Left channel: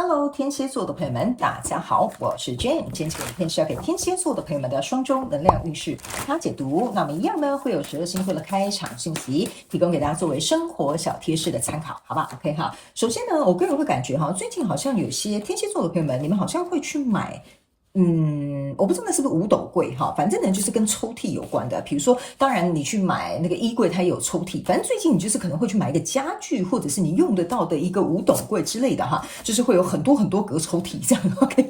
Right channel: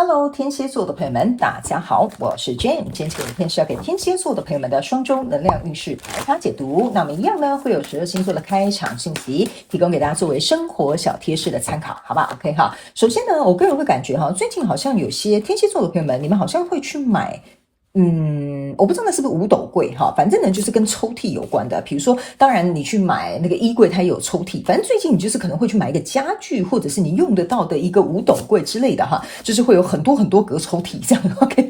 Hello，天蝎座的朋友们，大家好，我是 Jane。今天这个影片是要给天蝎座的朋友们的双周能量运势排卡解读。那么一样呢，会有12星座的开场信息，提供给大家作为生活小贴士的参考，好吧 ？OK 哈。首先呢，我个人会感觉哈，最近好像有些天蝎座的朋友们，你们好像会去买。我不知道那是不是五斗柜哈，反正呢就是跟抽屉有关的。比如说，当然你去买那个衣柜，它也有抽屉。反正最近你就是可能会去买一个家具，或者是你用得到的一个五斗柜之类的哈，就是会有很多很多格抽屉这样。OK，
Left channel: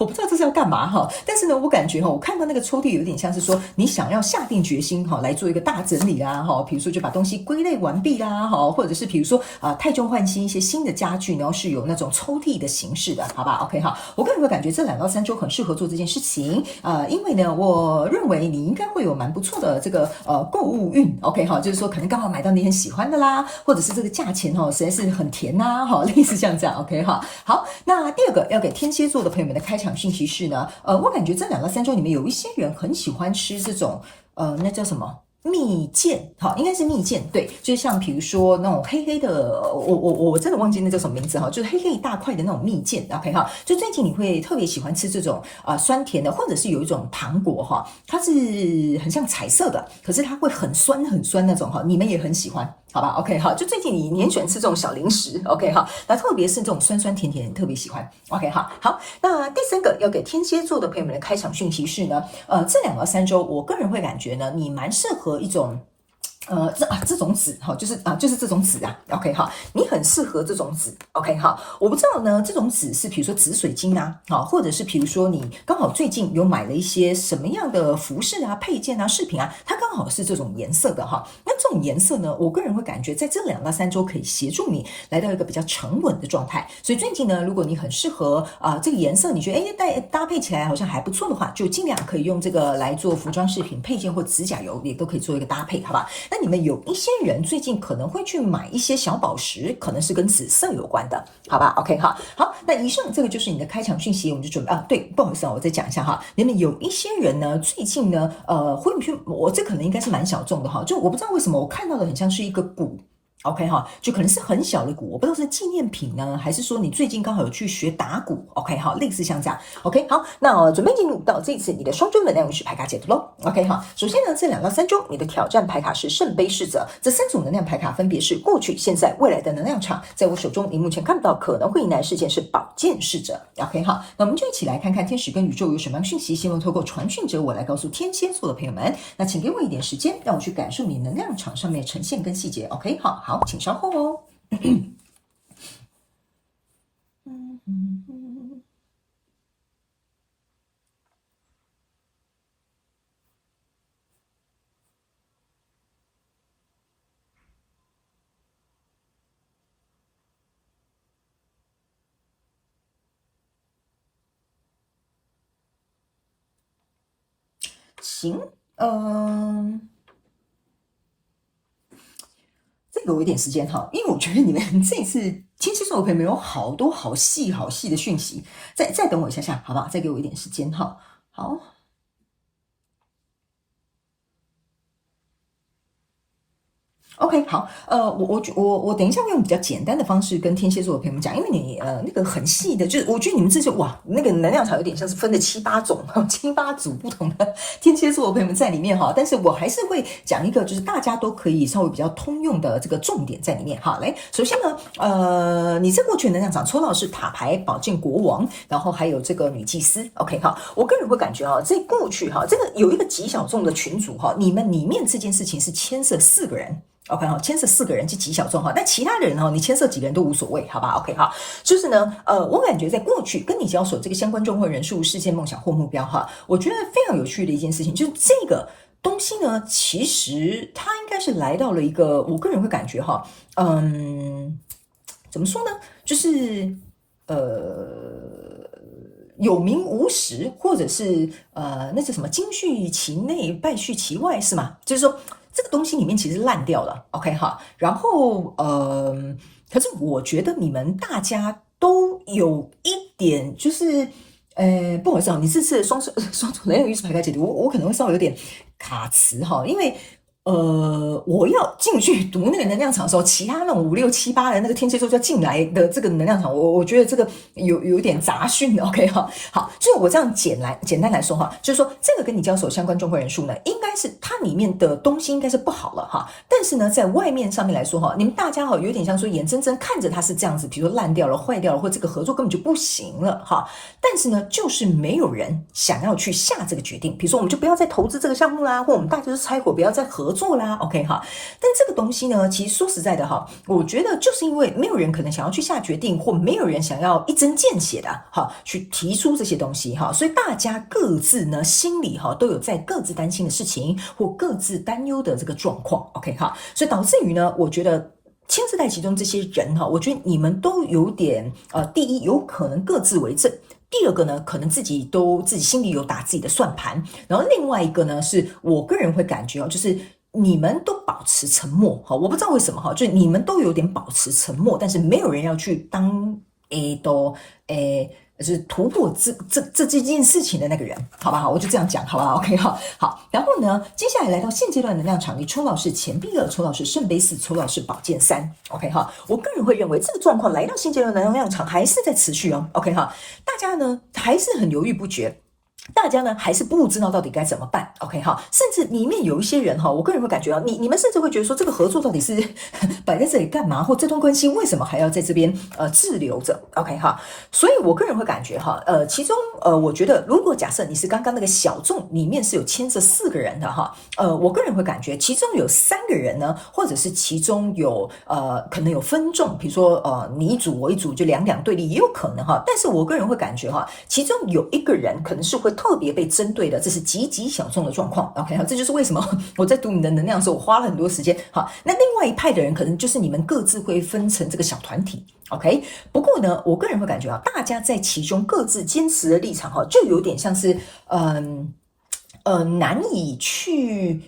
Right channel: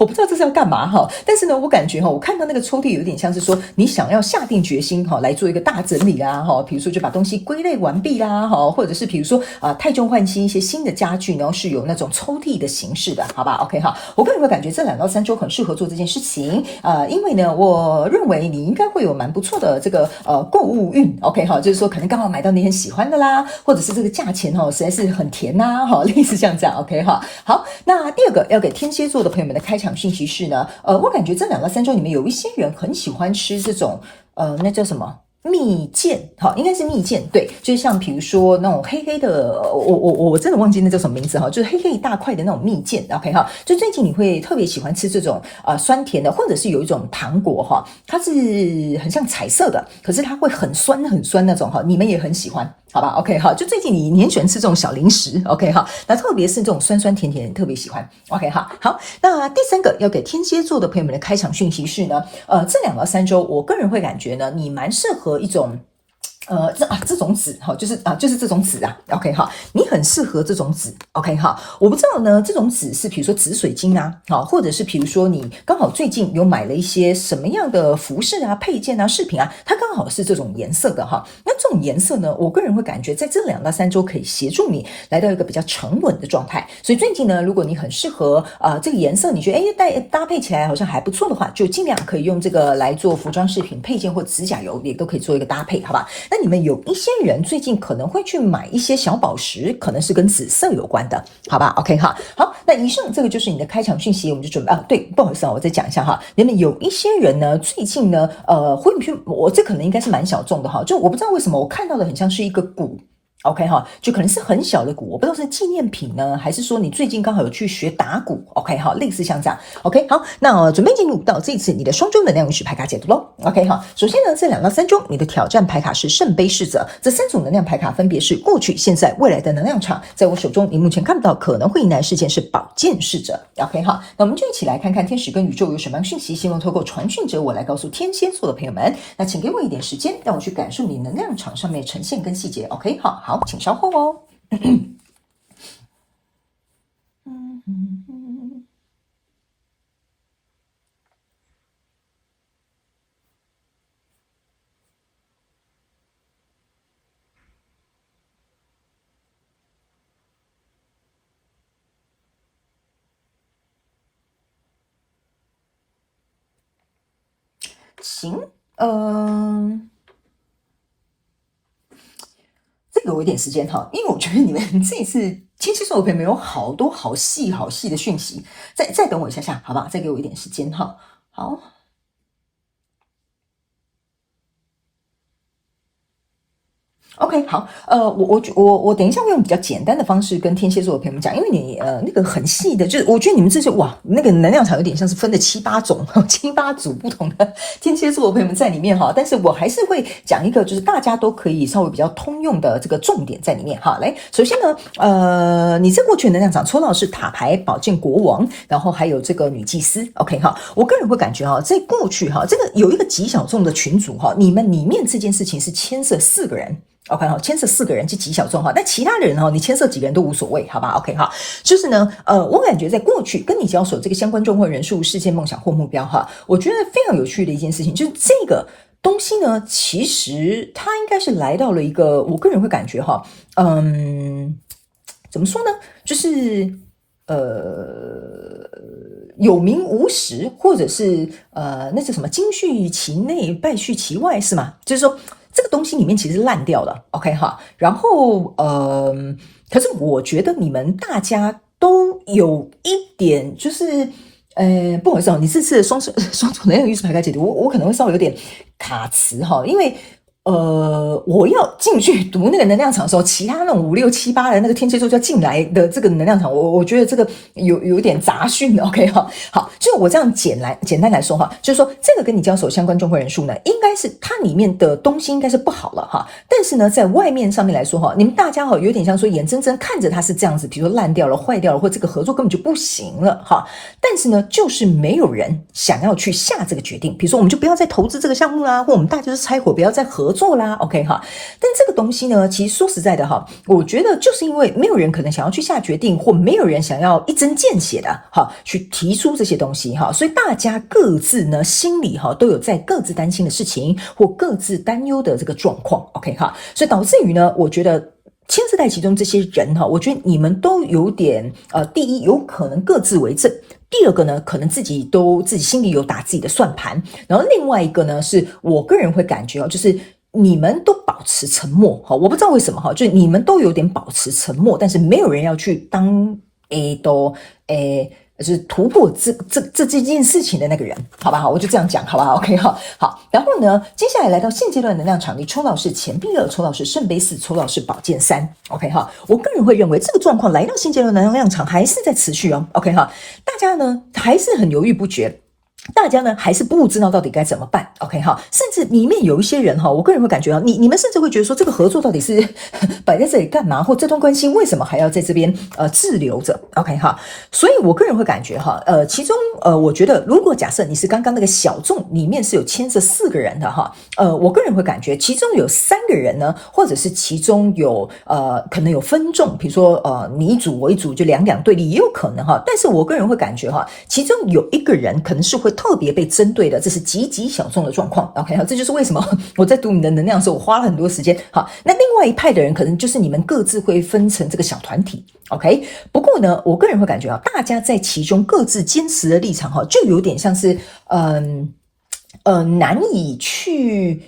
我不知道这是要干嘛哈，但是呢，我感觉哈，我看到那个抽屉有点像是说你想要下定决心哈来做一个大整理啦哈，比如说就把东西归类完毕啦哈，或者是比如说汰旧换新一些新的家具，然后是有那种抽屉的形式的，好吧 ？OK 哈，我个人会感觉这2到3周很适合做这件事情，因为呢，我认为你应该会有蛮不错的这个购物运 ，OK 哈，就是说可能刚好买到你很喜欢的啦，或者是这个价钱实在是很甜呐，哈，类似像这样 ，OK 哈。好，那第二个要给天蝎座的朋友们的开场讯息是呢，我感觉这2到3周里面有一些人很喜欢吃这种那叫什么？蜜饯，好，应该是蜜饯，对，就是像比如说那种黑黑的，我真的忘记那叫什么名字哈，就是黑黑一大块的那种蜜饯 ，OK 哈，就最近你会特别喜欢吃这种酸甜的，或者是有一种糖果哈，它是很像彩色的，可是它会很酸很酸那种哈，你们也很喜欢。好吧 ，OK 哈，就最近你很喜欢吃这种小零食 ，OK 哈，那特别是这种酸酸甜甜，特别喜欢 ，OK 哈，好，那第三个要给天蝎座的朋友们的开场讯息是呢，这2到3周，我个人会感觉呢，你蛮适合一种。这种纸哈，就是这种纸啊，OK 哈，你很适合这种纸，OK 哈，我不知道呢，这种纸是比如说紫水晶啊，好，或者是比如说你刚好最近有买了一些什么样的服饰啊、配件啊、饰品啊，它刚好是这种颜色的哈，那这种颜色呢，我个人会感觉在这2到3周可以协助你来到一个比较沉稳的状态，所以最近呢，如果你很适合这个颜色，你觉得搭配起来好像还不错的话，就尽量可以用这个来做服装饰品配件或指甲油，也都可以做一个搭配，好吧？那你们有一些人最近可能会去买一些小宝石，可能是跟紫色有关的，好吧 ？OK 哈，好，那以上这个就是你的开场讯息，我们就准备对，不好意思我再讲一下哈，你们有一些人呢，最近呢，会去，我这可能应该是蛮小众的哈，就我不知道为什么我看到的很像是一个鼓。OK 哈，就可能是很小的鼓，我不知道是纪念品呢，还是说你最近刚好有去学打鼓 ，OK 哈，类似像这样 ，OK 好，那准备进入到这次你的双周能量运势牌卡解读咯 OK 哈，首先呢，这2到3周你的挑战牌卡是圣杯侍者，这3组能量牌卡分别是过去、现在、未来的能量场，在我手中你目前看不到可能会迎来事件是宝剑侍者 ，OK 哈，那我们就一起来看看天使跟宇宙有什么样讯息，希望透过传讯者我来告诉天蝎座的朋友们，那请给我一点时间，让我去感受你能量场上面呈现跟细节 ，OK 好。好，请稍后哦。行，这个我有点时间哈，因为我觉得你们这一次天蝎座的朋友们有好多好细好细的讯息，再等我一下下，好不好？再给我一点时间哈。好。OK，好，我等一下会用比较简单的方式跟天蝎座的朋友们讲，因为你那个很细的，就是我觉得你们这些哇，那个能量场有点像是分了7、8种、7、8组不同的天蝎座的朋友们在里面哈，但是我还是会讲一个就是大家都可以稍微比较通用的这个重点在里面哈。来，首先呢，你这过去的能量场抽到的是塔牌、宝剑国王，然后还有这个女祭司。OK 哈，我个人会感觉哈，在过去哈，这个有一个极小众的群组哈，你们里面这件事情是牵涉4个人。OK 好，牵涉4个人是极小众哈，但其他人哈，你牵涉几个人都无所谓，好吧 ？OK 哈，就是呢，我感觉在过去跟你交手这个相关状况人数、事件、梦想或目标哈，我觉得非常有趣的一件事情，就是这个东西呢，其实它应该是来到了一个，我个人会感觉哈，怎么说呢？就是有名无实，或者是那是什么金续其内，败续其外，是吗？就是说。这个东西里面其实烂掉了 ，OK 哈，然后可是我觉得你们大家都有一点就是，不好意思你这次的双重能量运势牌卡解读，我可能会稍微有点卡词哈，因为我要进去读那个能量场的时候，其他那种5、6、7、8的那个天蝎座就要进来的这个能量场，我觉得这个有点杂讯 ，OK 哈，好，就我这样简单来说哈，就是说这个跟你交手相关状况人数呢，应该是它里面的东西应该是不好了哈，但是呢，在外面上面来说哈，你们大家哈有点像说眼睁睁看着它是这样子，比如说烂掉了、坏掉了，或这个合作根本就不行了哈，但是呢，就是没有人想要去下这个决定，比如说我们就不要再投资这个项目啦，或我们大家就是拆伙，不要再合作啦 ，OK 哈。但这个东西呢，其实说实在的哈，我觉得就是因为没有人可能想要去下决定，或没有人想要一针见血的哈去提出这些东西哈，所以大家各自呢心里哈都有在各自担心的事情或各自担忧的这个状况 ，OK 哈，所以导致于呢，我觉得牵涉在其中这些人哈，我觉得你们都有点第一有可能各自为政。第二个呢，可能自己心里有打自己的算盘，然后另外一个呢，是我个人会感觉就是你们都保持沉默，我不知道为什么就是你们都有点保持沉默，但是没有人要去当就是突破这件事情的那个人，好吧，我就这样讲，好吧 ，OK 哈，好，然后呢，接下来来到现阶段能量场，你抽到是钱币2，抽到是圣杯4，抽到是宝剑3 ，OK 哈，我个人会认为这个状况来到现阶段能量场还是在持续哦 ，OK 哈，大家呢还是很犹豫不决。大家呢还是不知道到底该怎么办 ，OK 哈，甚至里面有一些人哈，我个人会感觉你们甚至会觉得说这个合作到底是摆在这里干嘛，或这段关系为什么还要在这边滞留着 ，OK 哈，所以我个人会感觉哈，其中我觉得如果假设你是刚刚那个小众里面是有牵涉4个人的哈，我个人会感觉其中有3个人呢，或者是其中有可能有分众，比如说你一组我一组就两对立也有可能哈，但是我个人会感觉哈，其中有一个人可能是会特别被针对的，这是极小众的状况 ，OK 这就是为什么我在读你的能量的时候，我花了很多时间。好，那另外一派的人可能就是你们各自会分成这个小团体 ，OK。不过呢，我个人会感觉大家在其中各自坚持的立场就有点像是难以去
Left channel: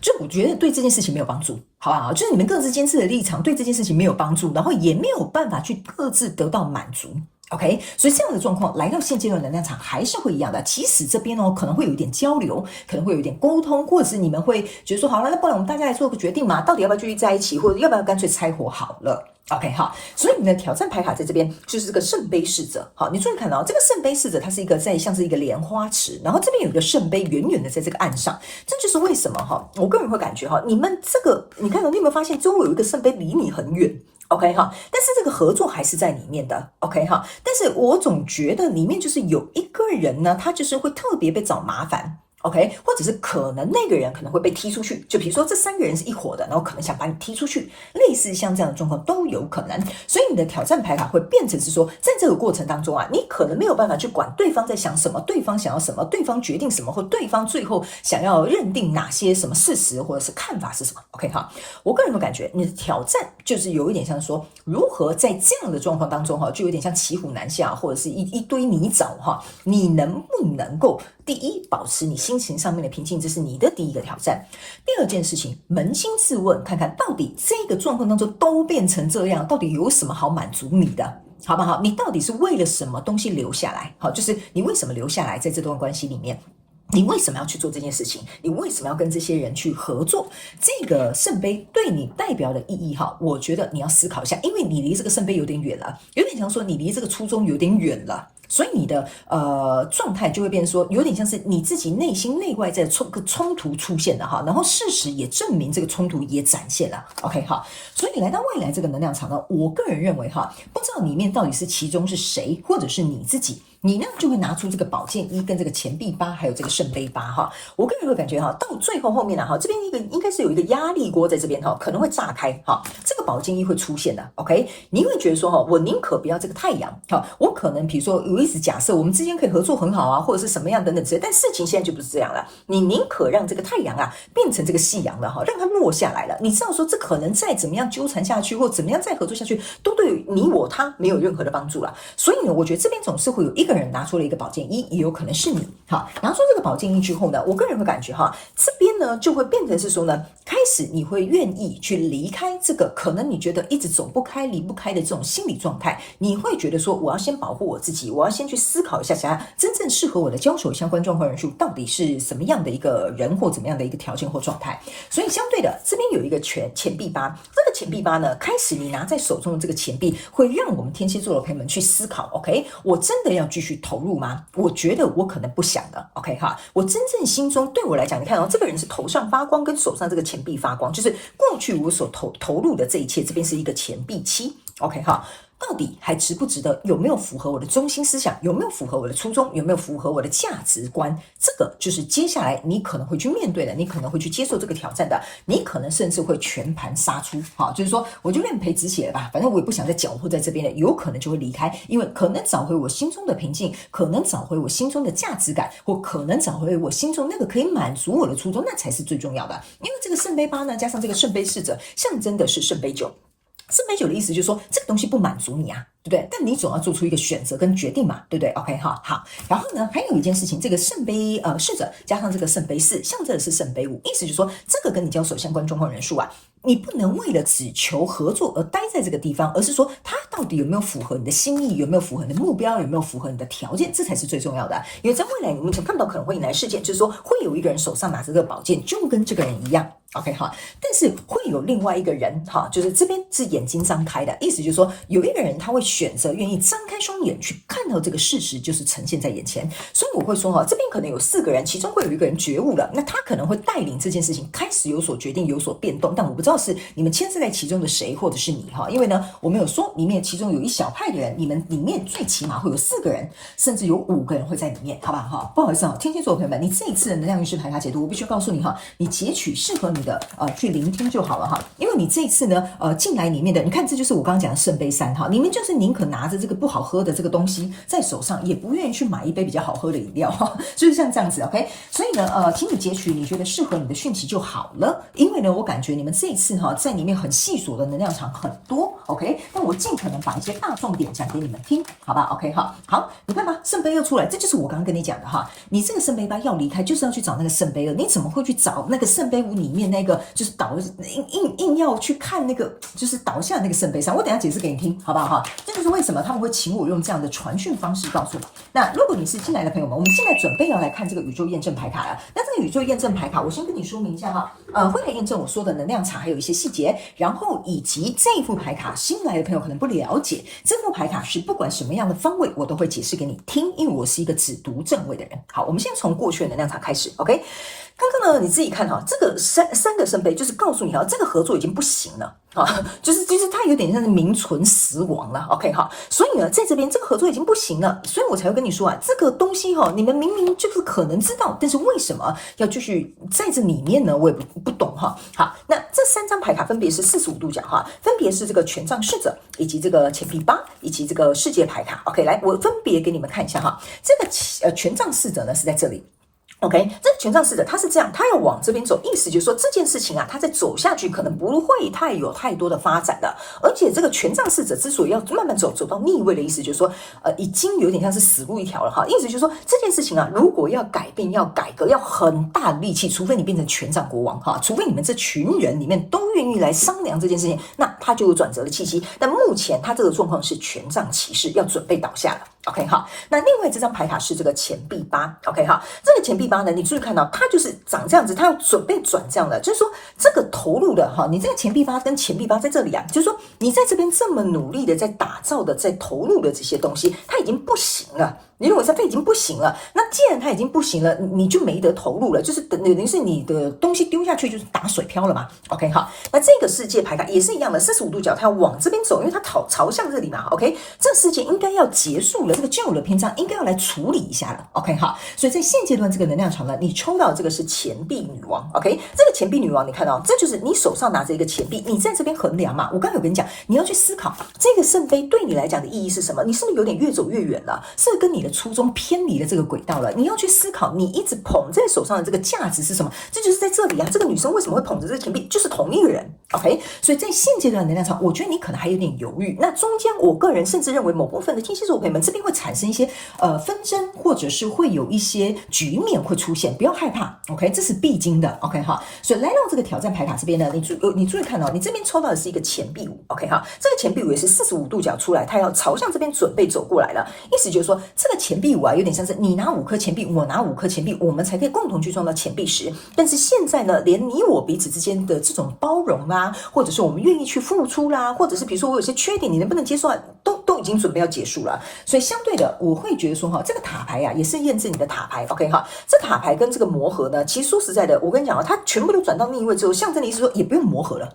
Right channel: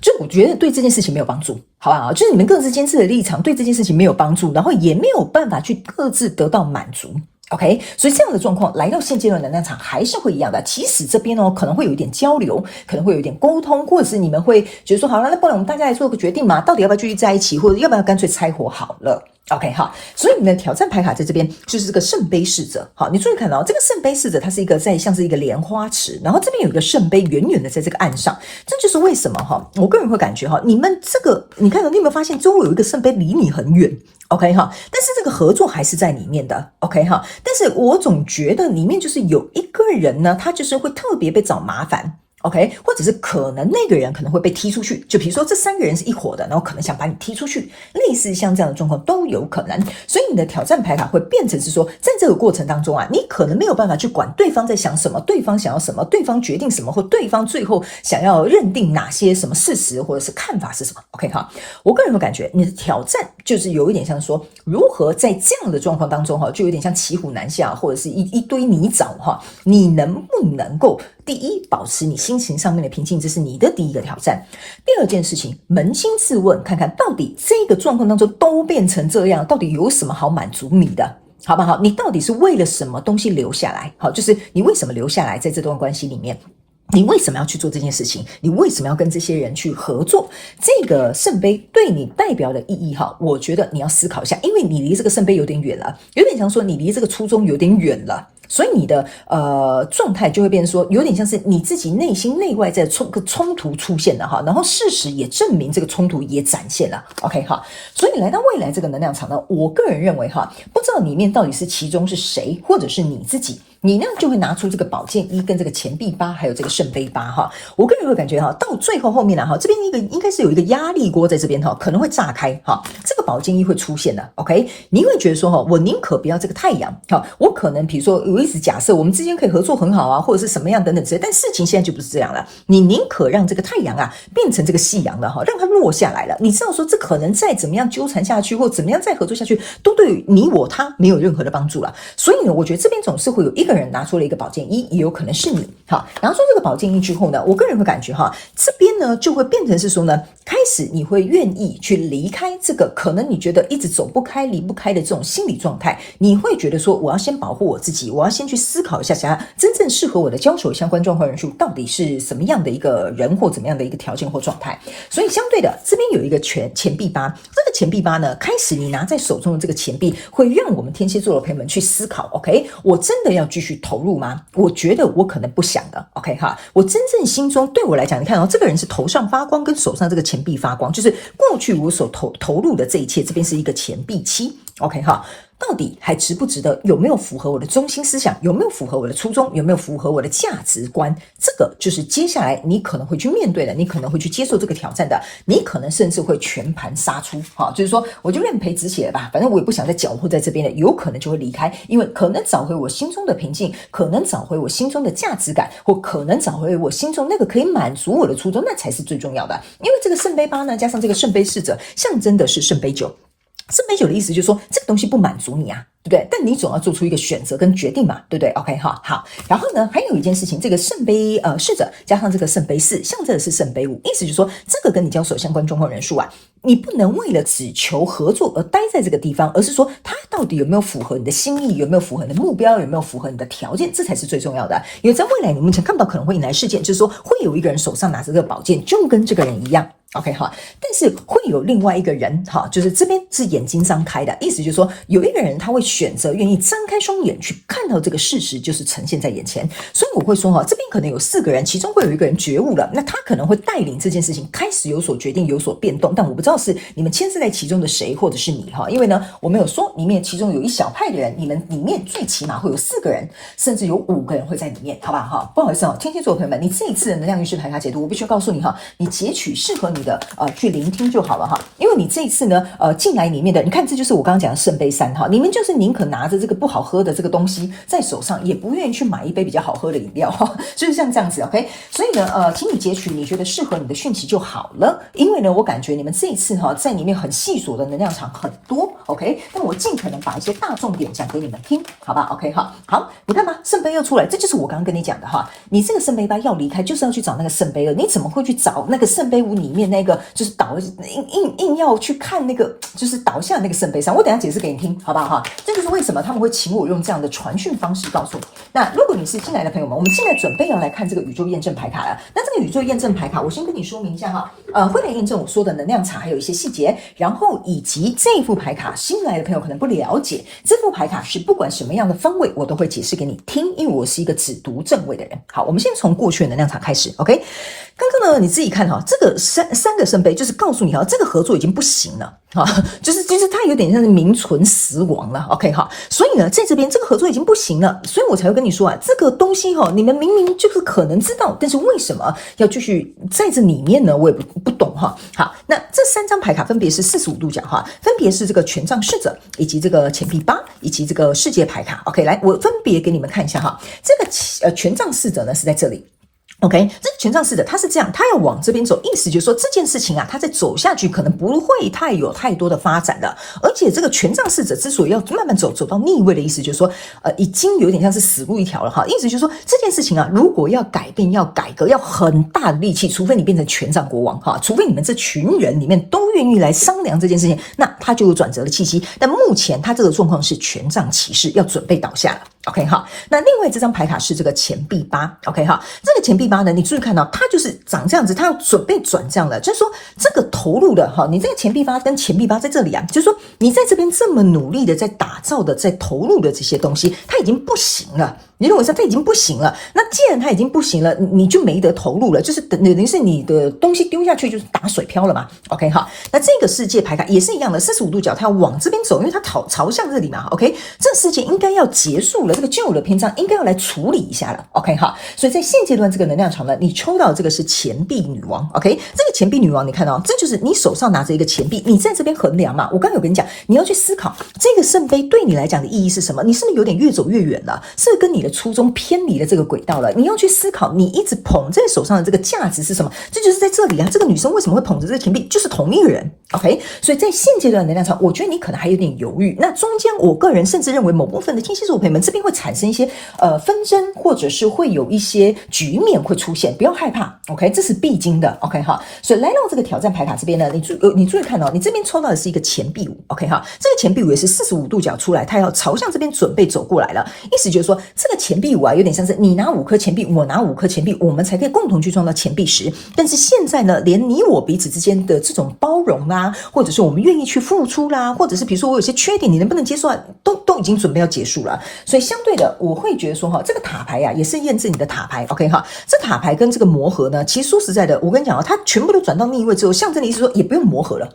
就我觉得对这件事情没有帮助，好不好？就是你们各自坚持的立场对这件事情没有帮助，然后也没有办法去各自得到满足。OK， 所以这样的状况来到现阶段能量场还是会一样的。其实这边可能会有一点交流，可能会有一点沟通，或者是你们会觉得说，好了，那不然我们大家来做个决定嘛，到底要不要继续在一起，或者要不要干脆拆伙好了。OK 好，所以你们的挑战牌卡在这边就是这个圣杯侍者。好，你注意看到这个圣杯侍者，它是一个像是一个莲花池，然后这边有一个圣杯远远的在这个岸上，这就是为什么我个人会感觉你们这个你看到你有没有发现周围有一个圣杯离你很远？ OK 哈，但是这个合作还是在里面的 OK 哈，但是我总觉得里面就是有一个人呢，他就是会特别被找麻烦。OK， 或者是可能那个人可能会被踢出去，就比如说这3个人是一伙的，然后可能想把你踢出去，类似像这样的状况都有可能。所以你的挑战牌卡会变成是说，在这个过程当中你可能没有办法去管对方在想什么，对方想要什么，对方决定什么，或对方最后想要认定哪些什么事实或者是看法是什么。OK 好，我个人会感觉你的挑战就是有一点像说，如何在这样的状况当中就有点像骑虎难下，或者是一堆泥沼你能不能够第一保持你心情上面的平静，这是你的第一个挑战。第二件事情，扪心自问，看看到底这个状况当中都变成这样，到底有什么好满足你的？好不好？你到底是为了什么东西留下来？好，就是你为什么留下来在这段关系里面？你为什么要去做这件事情？你为什么要跟这些人去合作？这个圣杯对你代表的意义我觉得你要思考一下，因为你离这个圣杯有点远了，有点像说你离这个初衷有点远了。所以你的状态就会变成说，有点像是你自己内心内外在冲突出现了然后事实也证明这个冲突也展现了 OK 所以来到未来这个能量场呢，我个人认为不知道里面到底是其中是谁，或者是你自己，你呢就会拿出这个宝剑1跟这个钱币8还有这个圣杯8我个人会感觉到最后面这边应该是有一个压力锅在这边可能会炸开这个宝剑1会出现的 OK， 你会觉得说我宁可不要这个太阳我可能比如说我一直假设我们之间可以合作很好或者是什么样等等之类，但事情现在就不是这样了，你宁可让这个太阳变成这个夕阳了让它落下来了，你知道说这可能再怎么样纠缠下去或怎么样再合作下去都对你我他没有任何的帮助了，所以呢我觉得这边总是会有一个人拿出了一个宝剑一，也有可能是你。好，拿出这个宝剑一之后呢，我个人会感觉这边呢就会变成是说呢，开始你会愿意去离开这个可能你觉得一直走不开、离不开的这种心理状态，你会觉得说我要先保护我自己，我要先去思考一下，想要真正适合我的交手相关状况人数到底是什么样的一个人或怎么样的一个条件或状态。所以相对的，这边有一个钱币八，这个钱币八呢，开始你拿在手中的这个钱币，会让我们天蝎座的朋友们去思考 ，OK， 我真的要继续投入吗？我觉得我可能不想了 ，OK 我真正心中对我来讲，你看这个人是头上发光，跟手上这个钱币发光，就是过去我所投入的这一切，这边是一个钱币七 ，OK 到底还值不值得？有没有符合我的中心思想？有没有符合我的初衷？有没有符合我的价值观？这个就是接下来你可能会去面对的，你可能会去接受这个挑战的，你可能甚至会全盘杀出就是说我就认赔止血了吧，反正我也不想再搅和在这边了，有可能就会离开，因为可能找回我心中的平静，可能找回我心中的价值感，或可能找回我心中那个可以满足我的初衷，那才是最重要的。因为这个圣杯八呢，加上这个圣杯侍者，象征的是圣杯九。圣杯九的意思就是说，这个东西不满足你啊，对不对？但你总要做出一个选择跟决定嘛，对不对 ？OK 好。然后呢，还有一件事情，这个圣杯侍者加上这个圣杯四，象征的是圣杯五，意思就是说，这个跟你交手相关状况人数啊，你不能为了只求合作而待在这个地方，而是说它到底有没有符合你的心意，有没有符合你的目标，有没有符合你的条件，这才是最重要的。因为在未来你们想看到可能会引来事件，就是说会有一个人手上拿着这个宝剑，就跟这个人一样。OK 但是会有另外一个人就是这边是眼睛张开的，意思就是说有一个人他会选择愿意张开双眼去看到这个事实就是呈现在眼前，所以我会说这边可能有4个人，其中会有一个人觉悟了，那他可能会带领这件事情开始有所决定有所变动，但我不知道是你们牵涉在其中的谁或者是你因为呢我们有说里面其中有一小派的人，你们里面最起码会有4个人，甚至有5个人会在里面，好吧不好意思天蝎座的朋友们，你这一次的能量运势牌卡解读，我必须要告诉你你截取适合你的去聆听就好了因为你这一次呢进来里面的，你看这就是我刚刚讲的圣杯三你们就是宁可拿着这个不好喝的这个东西在手上，也不愿意去买一杯比较好喝的饮料就是像这样子 OK， 所以呢请你截取你觉得适合你的讯息就好了，因为呢我感觉你们这一次在里面很细琐的能量场很多 OK， 那我尽可能把一些大重点讲给你们听，好吧 OK 好，你看吧，圣杯二出来，这就是我刚刚跟你讲的你这个圣杯八要离开，就是要去找那个圣杯二，你怎么会去找那个圣杯五里面那个就是硬要去看那个就是倒下那个圣杯三？我等一下解释给你听，好不好这就是为什么他们会请我用这样的传讯方式告诉你。那如果你是进来的朋友们，我们现在准备要来看这个宇宙验证牌卡了。那这个宇宙验证牌卡，我先跟你说明一下会来验证我说的能量场还有一些细节，然后以及这副牌卡新来的朋友可能不了解，这副牌卡是不管什么样的方位我都会解释给你听，因为我是一个只读正位的人。好，我们先从过去的能量场开始 OK。刚刚呢，你自己看这个三个圣杯就是告诉你这个合作已经不行了就是它有点像是名存实亡了 OK 所以呢，在这边这个合作已经不行了，所以我才会跟你说这个东西你们明明就是可能知道，但是为什么要继续在这里面呢？我也不懂好，那这3张牌卡分别是45度角分别是这个权杖侍者，以及这个钱币八，以及这个世界牌卡 OK， 来我分别给你们看一下这个权杖侍者呢是在这里。OK， 这个权杖侍者他是这样，他要往这边走，意思就是说这件事情他再走下去可能不会有太多的发展的，而且这个权杖侍者之所以要慢慢走到逆位的意思就是说已经有点像是死路一条了意思就是说这件事情如果要改变要改革要很大的力气，除非你变成权杖国王除非你们这群人里面都愿意来商量这件事情，那他就有转折的气息，但目前他这个状况是权杖骑士要准备倒下了OK 那另外这张牌卡是这个钱币八 OK 这个钱币八呢，你注意看到它就是长这样子，它要准备转这样的，就是说这个投入的你这个钱币八跟钱币八在这里就是说你在这边这么努力的在打造的在投入的这些东西，它已经不行了。你认为说它已经不行了，那既然它已经不行了，你就没得投入了，就是等于是你的东西丢下去就是打水漂了嘛 OK 那这个世界牌卡也是一样的，45度角它要往这边走，因为它朝向这里嘛 OK， 这个世界应该要结束了，这个旧的篇章应该要来处理一下了 OK 所以在现阶段这个能量场呢，你抽到这个是钱币女王 OK， 这个钱币女王你看到这就是你手上拿着一个钱币，你在这边衡量嘛，我刚才有跟你讲，你要去思考这个圣杯对你来讲的意义是什么，你是不是有点越走越远了，是不是跟你的初衷偏离了这个轨道了，你要去思考你一直捧在手上的这个价值是什么，这就是在这里这个女生为什么会捧着这个钱币，就是同一个人 OK， 所以在现阶段的能量场我觉得你可能还有点犹豫，那中间我个人甚至认为某部分的天蝎座朋友们这边会产生一些纷争，或者是会有一些局面会出现，不要害怕 ，OK， 这是必经的 ，OK 哈。所以来到这个挑战牌卡这边呢，你注意看哦，你这边抽到的是一个钱币五 ，OK 哈，这个钱币五也是45度角出来，它要朝向这边准备走过来了，意思就是说这个钱币五啊，有点像是你拿5颗钱币，我拿5颗钱币，我们才可以共同去创造钱币10。但是现在呢，连你我彼此之间的这种包容啊，或者是我们愿意去付出啦，或者是比如说我有些缺点，你能不能接受啊，都已经准备要结束了。所以相对的，我会觉得说哈，这个塔牌啊，也是验证你的塔牌 ，OK 哈，这塔牌跟这个磨合呢，其实说实在的，我跟你讲啊，它全部都转到逆位之后，象征的意思说也不用磨合了，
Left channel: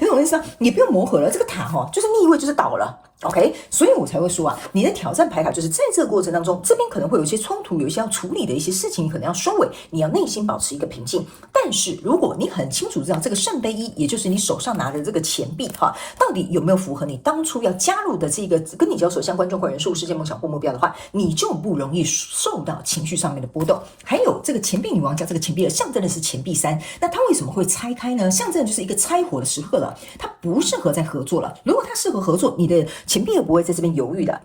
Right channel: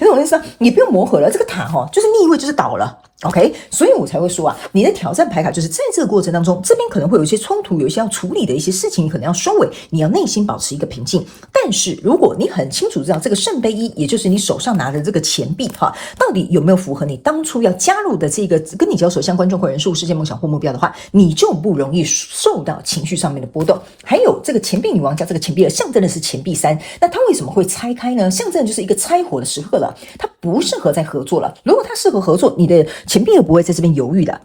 你懂我意思啊？也不用磨合了，这个塔哈，就是逆位就是倒了。OK， 所以我才会说啊，你的挑战牌卡就是在这个过程当中，这边可能会有一些冲突，有一些要处理的一些事情，你可能要收尾，你要内心保持一个平静。但是如果你很清楚知道这个圣杯1，也就是你手上拿的这个钱币哈，到底有没有符合你当初要加入的这个跟你交手相关众会人数、世界梦想或目标的话，你就不容易受到情绪上面的波动。还有这个钱币女王加这个钱币2，象征的是钱币3，那它为什么会拆开呢？象征的就是一个拆伙的时刻了，它不适合再合作了。如果它适合合作，你的钱币也不会在这边犹豫的。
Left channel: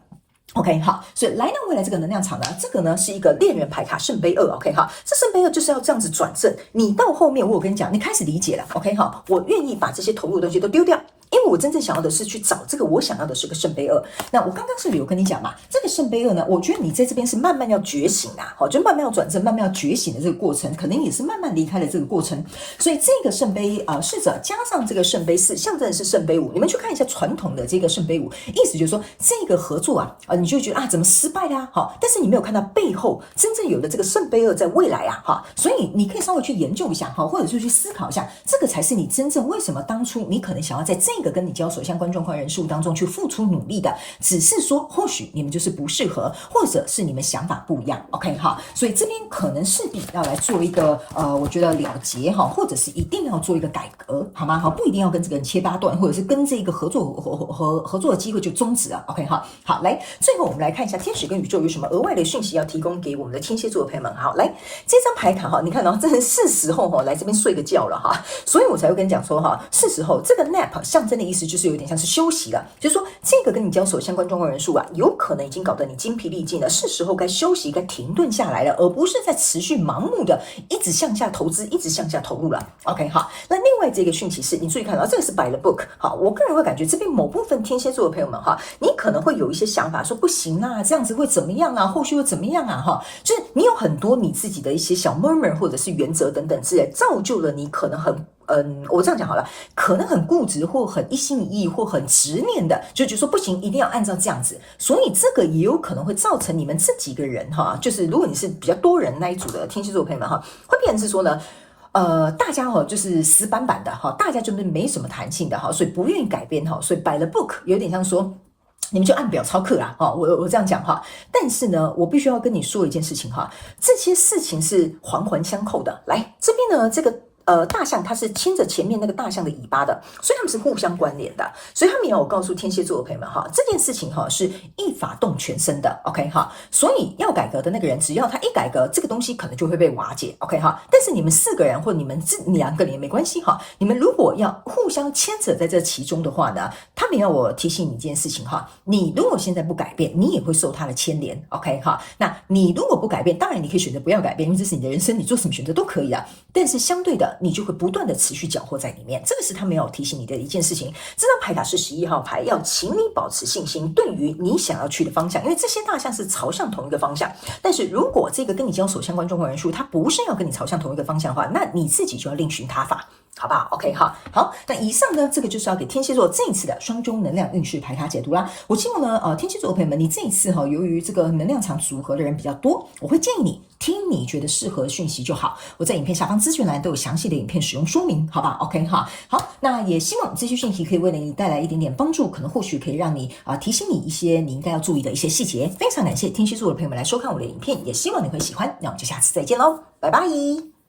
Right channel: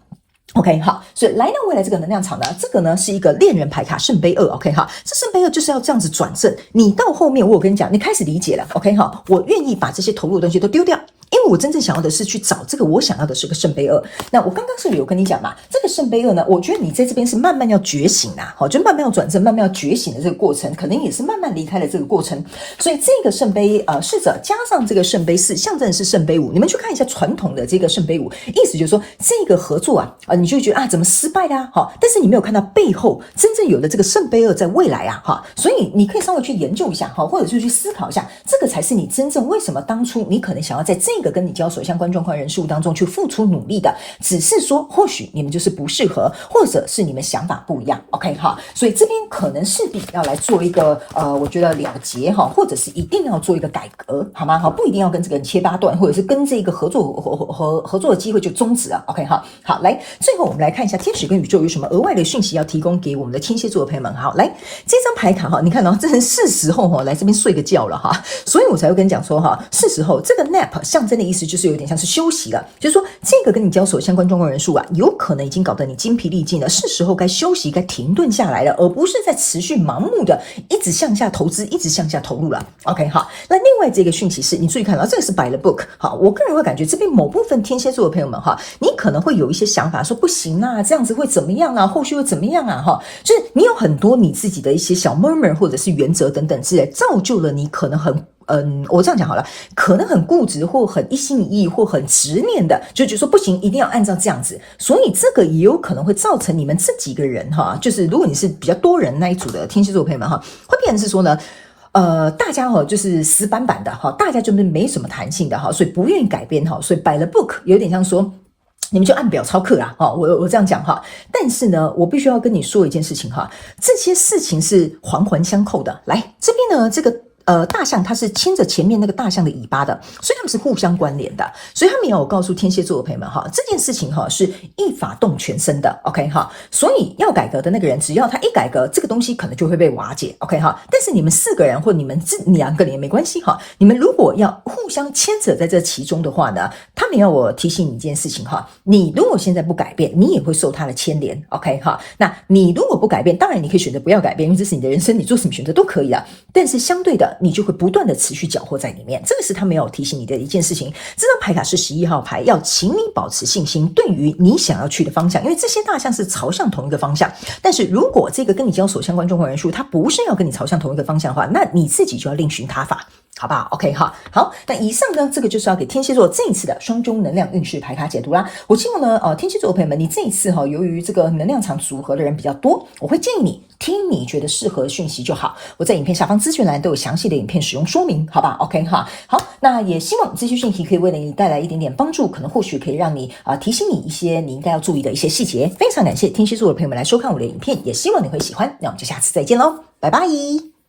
OK， 好，所以来到未来这个能量场呢，这个呢是一个恋人牌卡圣杯2 ，OK 哈，这圣杯2就是要这样子转正，你到后面我有跟你讲，你开始理解了 ，OK 哈，我愿意把这些投入的东西都丢掉。因为我真正想要的是去找这个，我想要的是个圣杯2。那我刚刚是不是有跟你讲嘛？这个圣杯2呢，我觉得你在这边是慢慢要觉醒啊，好，就慢慢要转正，慢慢要觉醒的这个过程，可能也是慢慢离开了这个过程。所以这个圣杯侍者加上这个圣杯4，象征的是圣杯5。你们去看一下传统的这个圣杯5，意思就是说这个合作啊，你就觉得啊怎么失败的啊，好，但是你没有看到背后真正有的这个圣杯2在未来啊，哈，所以你可以稍微去研究一下，哈，或者是去思考一下，这个才是你真正为什么当初你可能想要在这个跟你交手相关状况人事物当中去付出努力的，只是说或许你们就是不适合，或者是你们想法不一样 ，OK 哈，所以这边可能势必要来做一个我觉得了结哈，或者是一定要做一个改革，好吗？好，不一定要跟这个人切八段，或者是跟这个合作的机会就终止了 ，OK 哈。好，来最后我们来看一下天使跟宇宙有什么额外的讯息要提供给我们的天蝎座的朋友们。好，来这张牌卡哈，你看到真的是时候哈来这边睡个觉了哈，所以我才会跟你讲说哈，是时候这个 nap 象征的意思就是有点像是休息了，就是说这个跟你交手相关状况人数啊，有可能已经搞得你精疲力尽了，是时候该休息，该停顿下来了，而不是在持续盲目的一直向下投资，一直向下投入了。OK， 好，那另外这个讯息是你注意看到这个是摆了 book， 好，我个人会感觉这边某部分天蝎座的朋友们哈，你可能会有一些想法说不行啊，这样子会怎么样啊，后续会怎么样啊哈，就是你有很多你自己的一些小 murmur 或者是原则等等之类，造就了你可能很我这样讲好了，可能很固执或很一心一意或很执念的，就觉得说不行，一定要按照这样子，所以这个也有可能会造成你们这几个人哈，就是如果你是比较多人那一组的天蝎座朋友们哈，会变成是说呢。大家就是死板板的哈，大家就是没什么弹性的哈，所以不愿意改变哈，所以摆了 book 有点像说。你们就按表操课啦，哈，我这样讲哈，但是呢，我必须要跟你说一件事情哈，这些事情是环环相扣的。来这边呢，这个大象它是牵着前面那个大象的尾巴的，所以它们是互相关联的。所以他们也有告诉天蝎座的朋友们哈，这件事情哈是一发动全身的 ，OK 哈。所以要改革的那个人，只要他一改革，这个东西可能就会被瓦解 ，OK 哈。但是你们4个人或你们2个人也没关系哈。你们如果要互相牵扯在这其中的话呢，他们要我提醒你一件事情哈，你如果现在不改变，你也会受他的牵连 ，OK 哈。那你如果不改变，当然你可以选择不要改变，因为这是你的人生，你做什么选择都可以啊。但是相对的，你就会不断的持续搅和在里面，这个是他们要提醒你的一件事情。这张牌卡是11号牌，要请你保持信心，对于你想要去的方向，因为这些大象是朝向同一个方向。但是如果这个跟你交手相关状况人数，它不是要跟你朝向同一个方向的话，那你自己就要另寻他法。好不好 ？OK 哈，好，那以上呢，这个就是要给天蝎座这一次的双周能量运势牌卡解读啦。我希望呢，天蝎座的朋友们，你这一次哈，由于这个能量场组合的人比较多，我会建议你听你觉得适合的讯息就好。我在影片下方资讯栏都有详细的影片使用说明，好吧 ？OK 哈，好，那也希望这些讯息可以为你带来一点点帮助，可能或许可以让你提醒你一些你应该要注意的一些细节。非常感谢天蝎座的朋友们来收看我的影片，也希望你会喜欢。那我们就下次再见喽，拜拜。